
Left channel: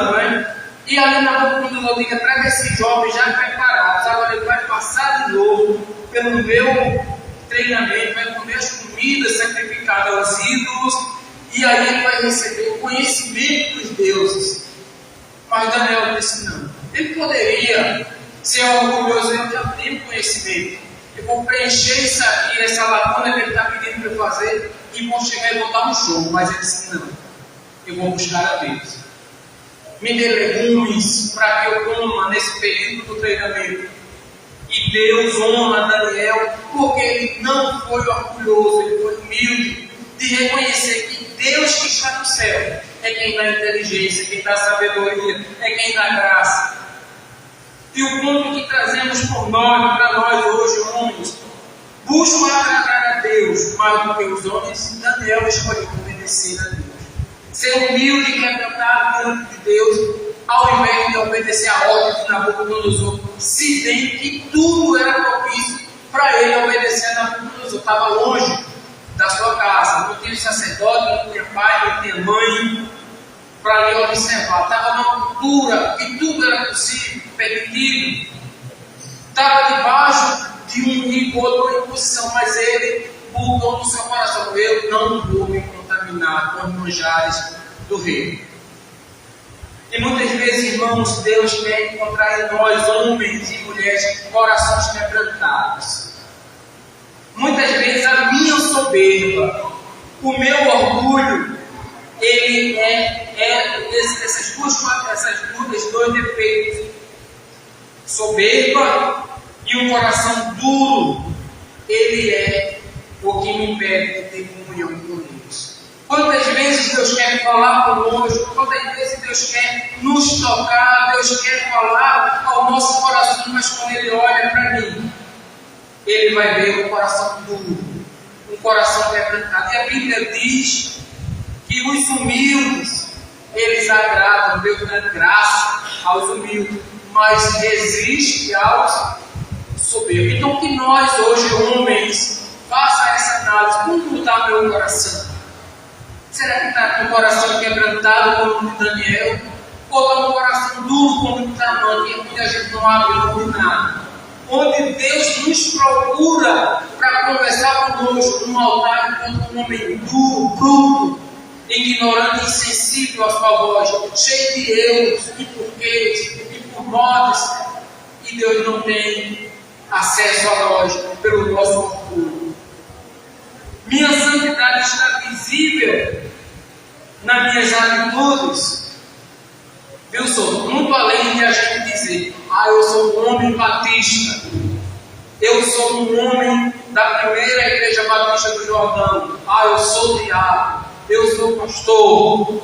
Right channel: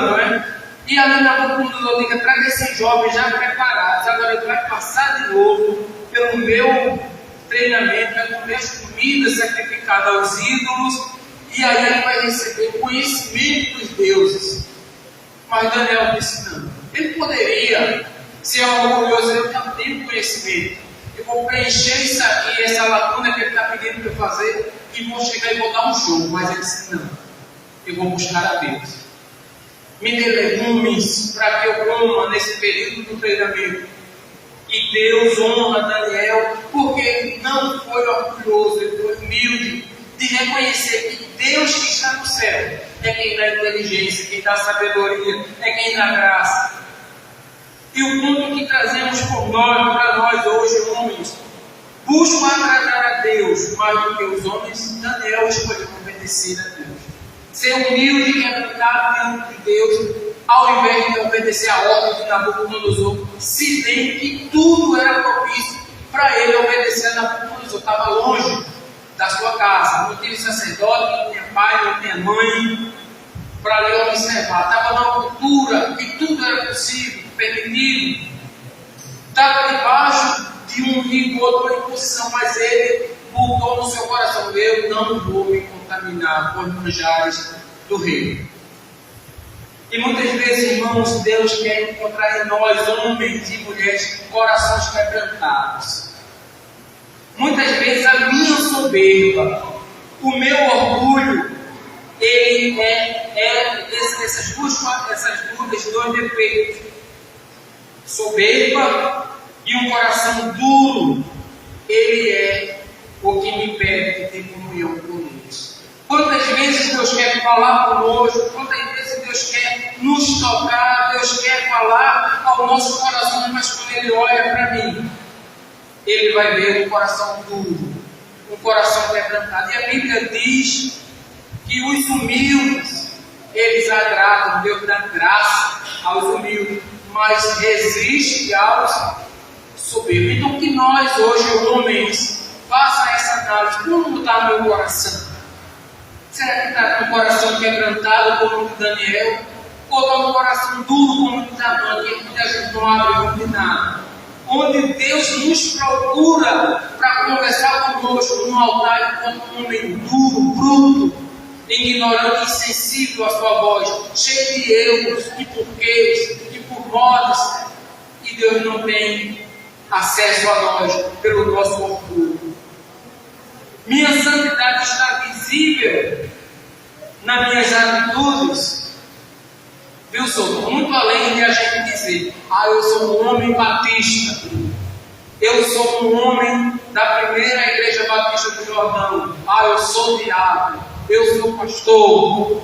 não é? E ali na Nabucodonosor diga, traga esses jovens já preparados, agora ele vai passar de novo pelo meu treinamento, vai comer as comidas sacrificadas aos ídolos, e aí ele vai receber o conhecimento dos deuses. Mas Daniel disse não. Ele poderia ser orgulhoso, eu já tenho conhecimento, eu vou preencher isso aqui, essa lacuna que ele está pedindo para eu fazer, e vou chegar e vou dar um show. Mas ele disse não, eu vou buscar a Deus. Me dê legumes para que eu coma nesse período do treinamento. E Deus honra Daniel, porque ele não foi orgulhoso, ele foi humilde, de reconhecer que Deus que está no céu é quem dá inteligência, quem dá sabedoria, é quem dá graça. E o ponto que trazemos para nós hoje, homens, buscam agradar a Deus mais do que os homens. Daniel escolheu obedecer a Deus. Ser humilde e quebrantado diante de Deus, ao invés de obedecer a ordem de Nabucodonosor, se bem que tudo era propício para ele obedecer a Nabucodonosor. Estava longe da sua casa, não tinha sacerdote, não tinha pai, não tinha mãe para lhe observar. Estava numa cultura que tudo era possível, permitido. Estava debaixo de um rigor, de uma imposição, mas ele mudou no seu coração: eu não vou me contaminar com os manjares do rei. E muitas vezes, irmãos, Deus quer encontrar em nós, homens e mulheres, corações quebrantados. Muitas vezes a minha soberba, o meu orgulho, ele esses dois defeitos: soberba e um coração duro. Ele é o que me impede de ter comunhão com Deus. Quantas vezes Deus quer falar conosco, quantas vezes Deus quer nos tocar, Deus quer falar ao nosso coração, mas quando Ele olha para mim, Ele vai ver um coração duro, um coração quebrantado. E a Bíblia diz que os humildes, eles agradam, Deus dá graça aos humildes, mas resiste aos soberbos. Então que nós hoje, homens, faça essa análise. Como está meu coração? Será que está com o coração quebrantado como o de Daniel? Ou está com o coração duro como o de Naamã, que a gente não abre mão de nada? Onde Deus nos procura para conversar conosco no altar enquanto um homem duro, bruto, ignorante e insensível à sua voz, cheio de erros, de porquês, de pormodas, e Deus não tem acesso a nós pelo nosso orgulho. Minha santidade está visível nas minhas atitudes. Eu sou muito além de a gente dizer: eu sou um homem batista, eu sou um homem da primeira igreja batista do Jordão, eu sou diácono, eu sou pastor.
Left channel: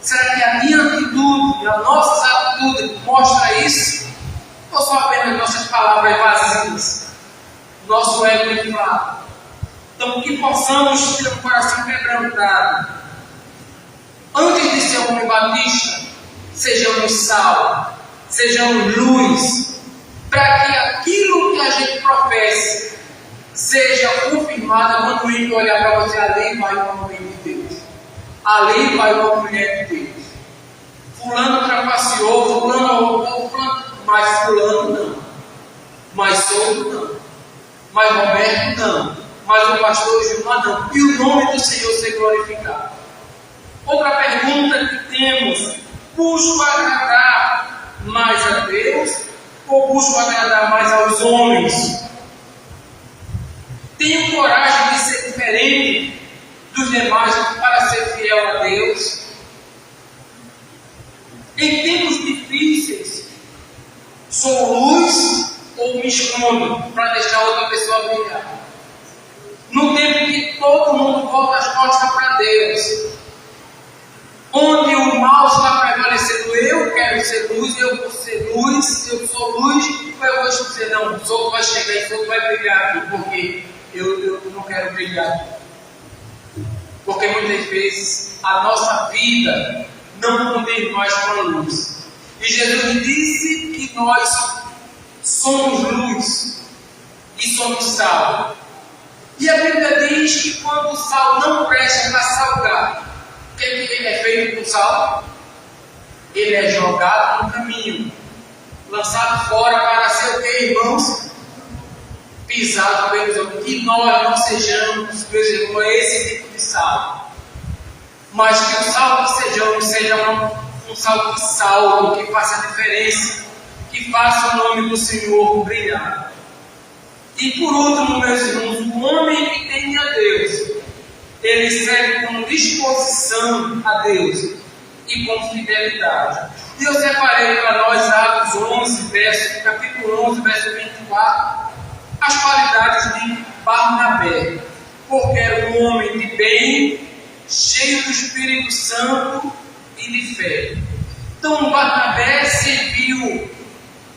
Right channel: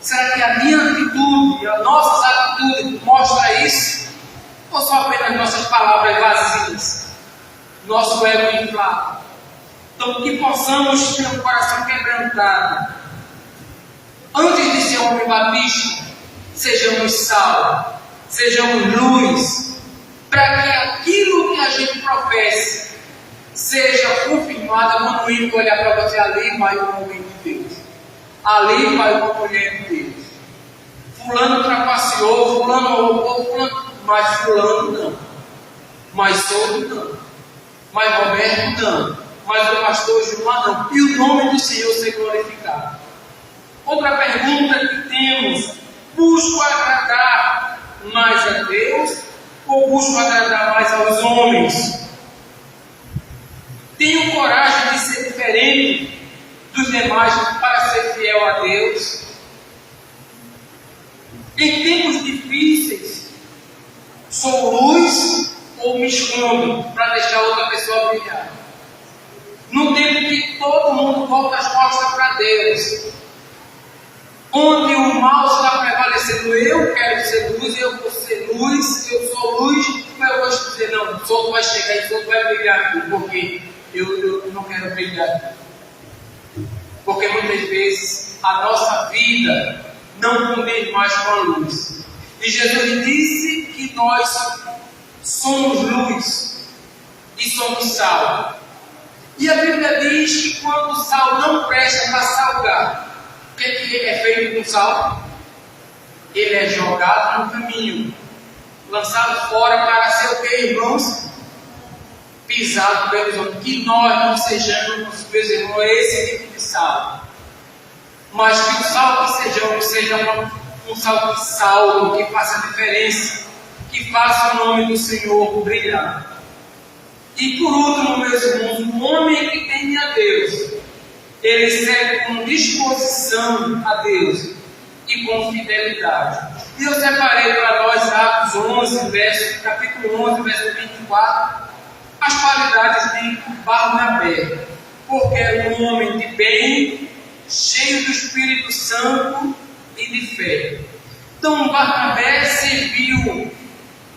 Será que a minha atitude, as nossas atitudes mostra isso? Ou são apenas nossas palavras vazias, nosso ego inflado? Então, que possamos ter um coração quebrantado. Antes de ser um homem batista, sejamos sal, sejamos luz, para que aquilo que a gente professe seja confirmado quando o ímpio olhar para você. Ali vai um homem de Deus, ali vai uma mulher de Deus. Fulano trapaceou, fulano roubou, fulano, mas fulano não, mas Souto não, mas Roberto não, mas o pastor Gilmar não, e o nome do Senhor ser glorificado. Outra pergunta que temos: busco agradar mais a Deus ou busco agradar mais aos homens? Tenho coragem de ser diferente dos demais para ser fiel a Deus? Em tempos difíceis, sou luz ou me escondo para deixar outra pessoa brilhar? No tempo que todo mundo volta as costas para Deus, onde o mal está prevalecendo, eu quero ser luz, eu vou ser luz, eu sou luz, eu vou dizer: não, o sol vai chegar e o sol vai brilhar aqui, porque eu não quero brilhar aqui. Porque muitas vezes a nossa vida não condiz mais com a luz. E Jesus disse que nós somos luz e somos sal. E a Bíblia diz que quando o sal não presta para salgar, o que ele é feito com sal? Ele é jogado no caminho, lançado fora para ser o que, irmãos? Pisado pelos outros. Que nós não sejamos, meus irmãos, esse tipo de sal. Mas que o sal que sejamos seja um sal que salve, que faça a diferença, que faça o nome do Senhor brilhar. E por último, meus irmãos, o homem que teme a Deus, ele segue com disposição a Deus e com fidelidade. E eu separei para nós Atos 11, capítulo 11, verso 24, as qualidades de Barnabé, porque era um homem de bem, cheio do Espírito Santo e de fé. Então Barnabé serviu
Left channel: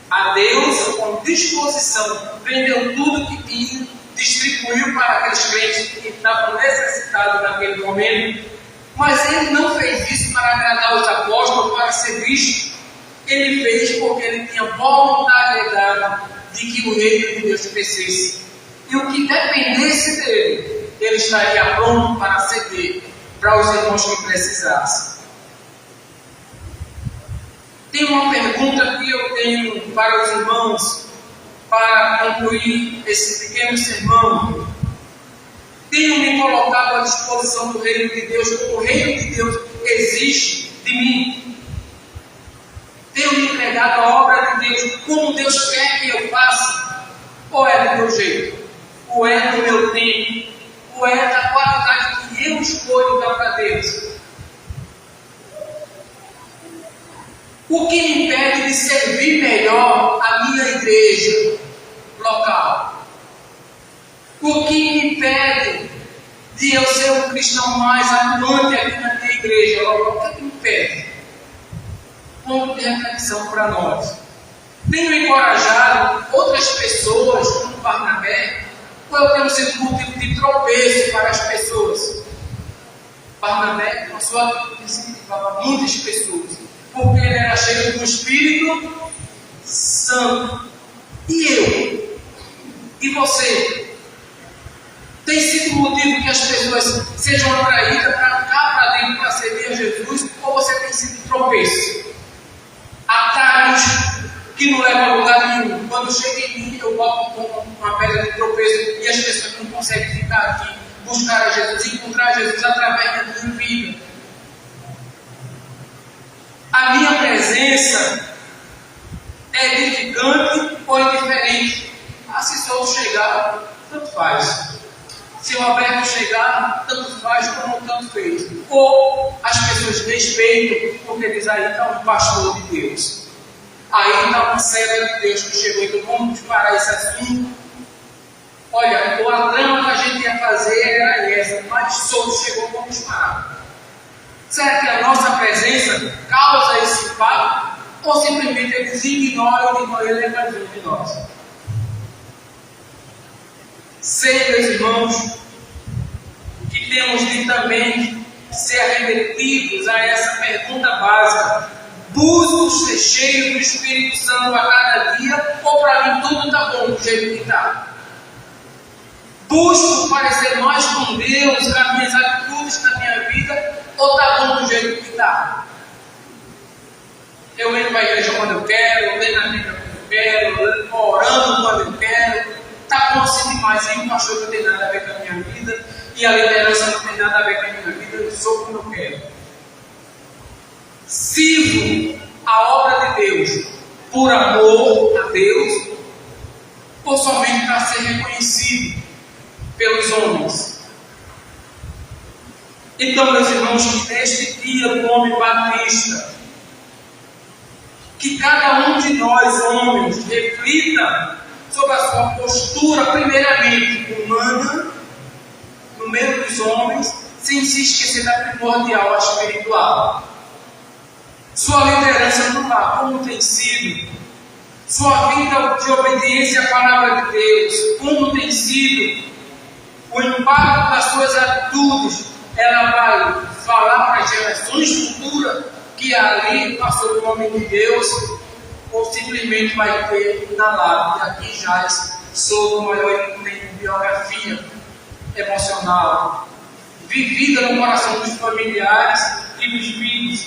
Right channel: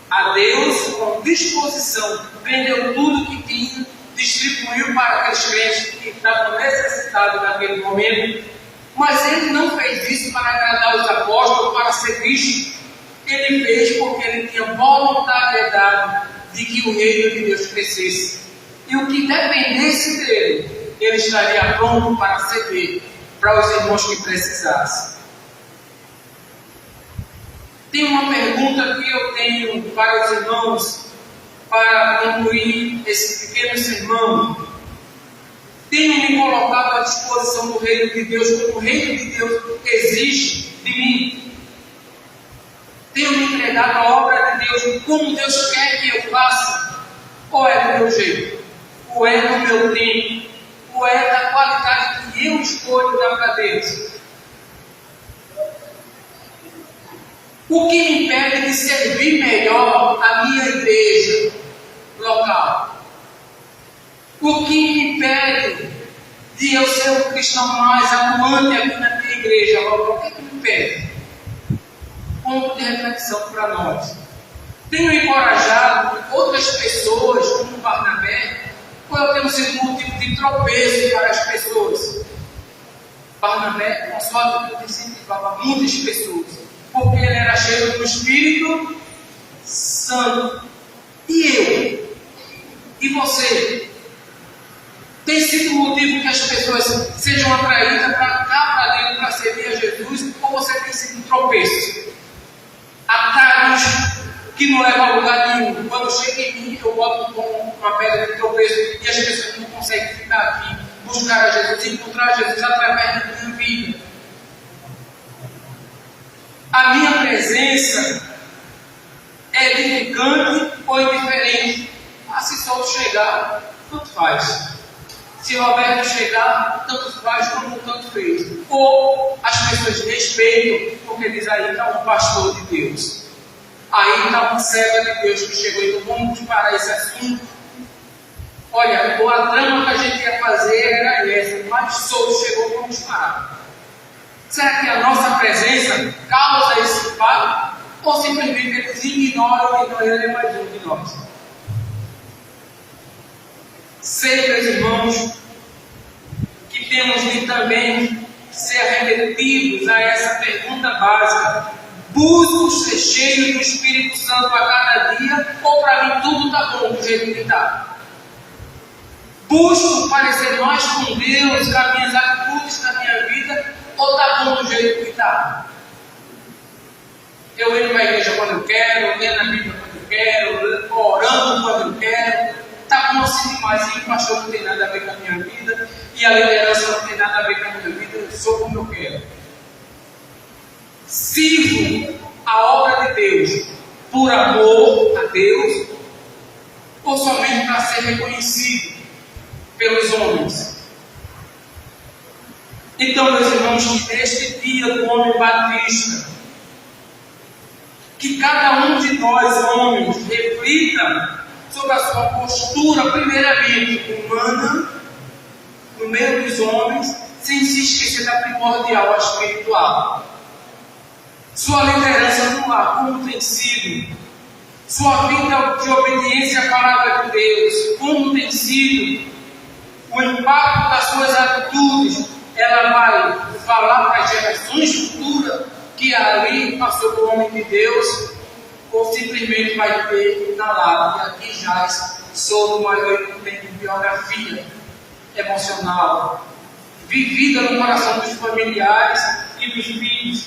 a Deus com disposição, vendeu tudo que tinha, distribuiu para aqueles crentes que estavam necessitados naquele momento, mas ele não fez isso para agradar os apóstolos, para ser visto. Ele fez porque ele tinha voluntariedade de que o reino de Deus crescesse, e o que dependesse dele, ele estaria pronto para ceder para os irmãos que precisassem. Tem uma pergunta que eu tenho para os irmãos, para concluir esse pequeno sermão. Tenho me colocado à disposição do reino de Deus, como o reino de Deus exige de mim. Tenho me entregado à obra de Deus como Deus quer que eu faça? Ou é do meu jeito? Ou é do meu tempo? Ou é da qualidade que eu escolho dar para Deus? O que me impede de servir melhor a minha igreja local? O que me impede de eu ser um cristão mais atuante aqui na minha igreja local? O que me impede? Ponto de reflexão para nós. Tenho encorajado outras pessoas, como Barnabé, ou eu tenho sido um tipo de tropeço para as pessoas? Barnabé, com a sua atitude, incentivava muitas pessoas, porque ele era cheio do Espírito Santo. E eu? E você? Tem sido motivo que as pessoas sejam atraídas para cá, para dentro, para servir a Jesus? Ou você tem sido tropeço? Atalhos que não levam a lugar nenhum. Quando chega em mim, eu boto com uma pedra de tropeço e as pessoas não conseguem ficar aqui, buscar a Jesus, encontrar Jesus através da minha vida. A minha presença é edificante ou indiferente? Se Souto chegar, tanto faz. Se Roberto chegar, tanto faz como tanto fez. Ou as pessoas respeitam, porque diz aí está um pastor de Deus. Aí está uma serva de Deus que chegou. Então vamos parar esse assunto. Olha, a trama que a gente ia fazer era essa, mas Souto chegou, vamos parar. Será que a nossa presença causa esse impacto? Ou simplesmente eles ignoram e ele é mais um de nós? Sei, meus irmãos, que temos de também ser arrependidos a essa pergunta básica: busco ser cheio do Espírito Santo a cada dia, ou para mim tudo está bom do jeito que está? Busco parecer mais com Deus, com as minhas atitudes, com a minha vida, ou está bom do jeito que está? Eu venho para a igreja quando eu quero, lendo a Bíblia quando eu quero, orando quando eu quero. Está bom assim demais, e o pastor não tem nada a ver com a minha vida, e a liderança não tem nada a ver com a minha vida, eu sou como eu quero. Sirvo a obra de Deus por amor a Deus, ou somente para ser reconhecido pelos homens? Então, meus irmãos, neste dia do homem batista, que cada um de nós, homens, reflita sobre a sua postura, primeiramente humana, no meio dos homens, sem se esquecer da primordial, a espiritual. Sua liderança no lar, como tem sido? Sua vida de obediência à palavra de Deus, como tem sido? O impacto das suas atitudes, ela vai falar para as gerações futuras que ali passou do homem de Deus, ou simplesmente vai ter na lápide, aqui jaz Souto maior em biografia emocional, vivida no coração dos familiares e dos filhos.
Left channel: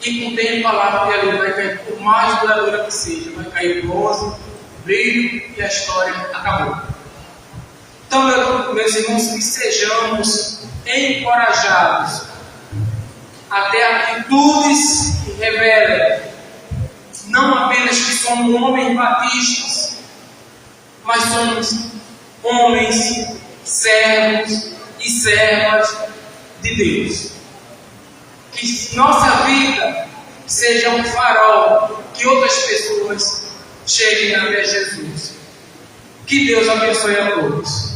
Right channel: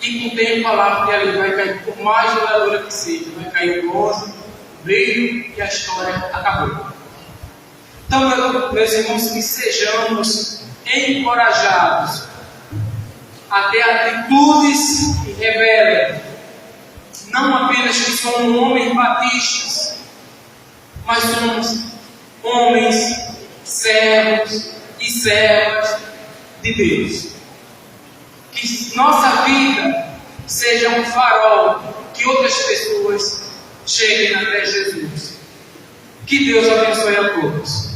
E com o tempo a lápide ali vai cair, por mais duradoura que seja, vai cair o bronze, o brilho, e a história acabou. Então, meus irmãos, que sejamos encorajados a ter atitudes que revelem não apenas que somos homens batistas, mas somos homens, servos e servas de Deus. Que nossa vida seja um farol, que outras pessoas cheguem até Jesus. Que Deus abençoe a todos.